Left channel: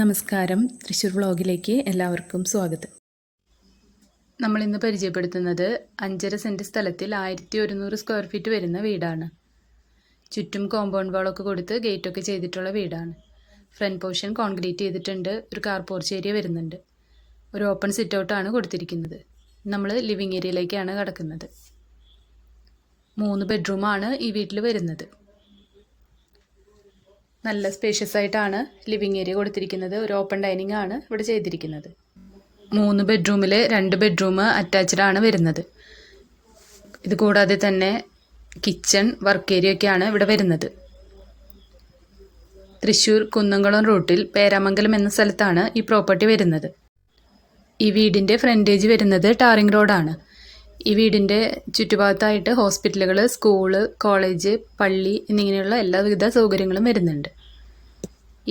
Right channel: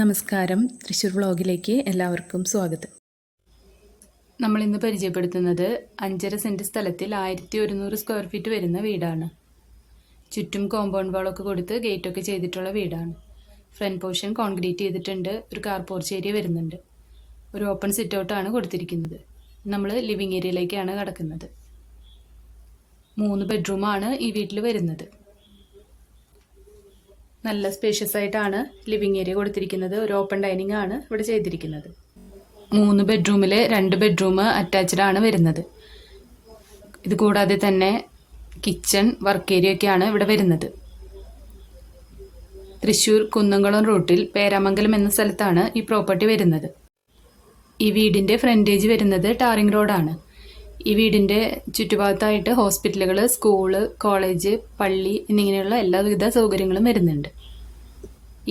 നമസ്കാരം, തൃശ്ശൂർ വ്ളോഗിലേക്ക് എല്ലാവർക്കും സ്വാഗതം. നമ്മളിന്ന് പരിചയപ്പെടുത്തുന്നത് 5.5 സെൻറ്റ് സ്ഥലത്തിൽ 1100 സ്ക്വയർ ഫീറ്റ് വരുന്ന വീടാണ്. ചുറ്റും കോമ്പൗണ്ട് വാളൊക്കെ കൊടുത്ത് ഗേറ്റൊക്കെ ചെയ്തിട്ടുള്ള വീടാണ്. ഫ്രണ്ട് പോർഷൻ കോൺക്രീറ്റ് ചെയ്തിട്ടുണ്ട്. ഒരു കാർ പോർച്ച് ഏരിയ വരുന്നുണ്ട്. ഒരു ഓപ്പൺ സിറ്റ് ഔട്ടാണ് കൊടുത്തിരിക്കുന്നത്. നമ്മൾ ലിവിങ് ഏരിയയിലേക്കാണ് കടക്കുന്നത്. 3 ബെഡ്റൂമാണ് ഈ വീട്ടിൽ വരുന്നത്. നല്ല സ്പേഷ്യസ് ആയിട്ടാണ് ലിവിങ് ഏരിയ കൊടുത്തിരിക്കുന്നത്. ഒരു ഓപ്പൺ ഡൈനിങ് ആണ് ഇവിടെ ചെയ്തിരിക്കുന്നത്. 3 ബെഡ്റൂമിൽ 2 ബെഡ്റൂം അറ്റാച്ച്ഡ് ആണ് വരുന്നത്. ഇത് കൂടാതെ തന്നെ കിച്ചൺ, വർക്ക് ഏരിയ ഒക്കെയാണ് ഇവിടെ വരുന്നത്. തൃശ്ശൂർ കുന്നംകുളം റൂട്ടിൽ പേരാമംഗലം എന്ന സ്ഥലത്താണ് ഈ പ്രോപ്പർട്ടി വരുന്നത്. ഈ വീടിൻ്റെ ഫ്രണ്ടേജ് വരുന്നത് ടാറിംഗ് റോഡാണ്. ഈ വീടിൻ്റെ ചുറ്റുഭാഗത്തായിട്ട് ഹോസ്പിറ്റലുകൾ, സ്കൂള്, കോളേജ്, പള്ളി എന്നിങ്ങനെയുള്ള എല്ലാവിധ സൗകര്യങ്ങളും വരുന്നുണ്ട്.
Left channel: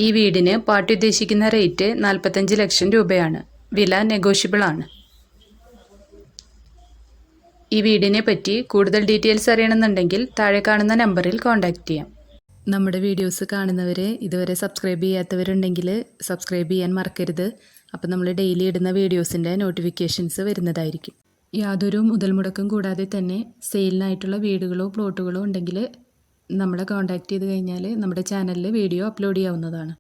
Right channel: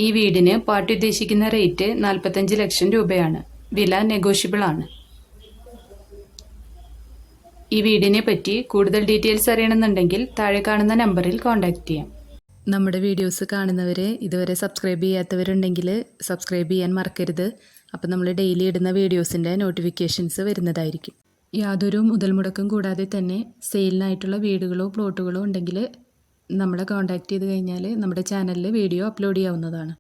ഈ വീടിന് പാർട്ടി ഉദ്ദേശിക്കുന്ന റേറ്റ് 45 ലക്ഷം രൂപയാണ്. വില നെഗോഷ്യബിൾ ആണ്. ഈ വീടിനെ പറ്റി കൂടുതൽ ഡീറ്റെയിൽസ് അറിയണമെന്നുണ്ടെങ്കിൽ താഴെ കാണുന്ന നമ്പറിൽ കോൺടാക്റ്റ് ചെയ്യാം. നമ്മുടെ വീഡിയോസ് കാണുന്നവരെ ഇതുവരെ സബ്സ്ക്രൈബ് ചെയ്യാത്തവരുണ്ടെങ്കിൽ സബ്സ്ക്രൈബ് ചെയ്യാൻ മറക്കരുത്. അപ്പോൾ നമ്മൾ ഡെയിലി ഇടുന്ന വീഡിയോസിൻ്റെ നോട്ടിഫിക്കേഷൻസ് വരുന്നതായിരിക്കും. യാതൊരു മുതൽ മുടക്കം കൂടാതെ തന്നെ സെയിലിനായിട്ടുള്ള വീടുകളോ പ്ലോട്ടുകളോ ഉണ്ടെങ്കിൽ നമ്മളെ കോൺടാക്റ്റ് ചെയ്ത് കഴിഞ്ഞാൽ നമ്മുടെ ചാനലിൽ വീഡിയോ അപ്ലോഡ് ചെയ്യാവുന്നതാണ്.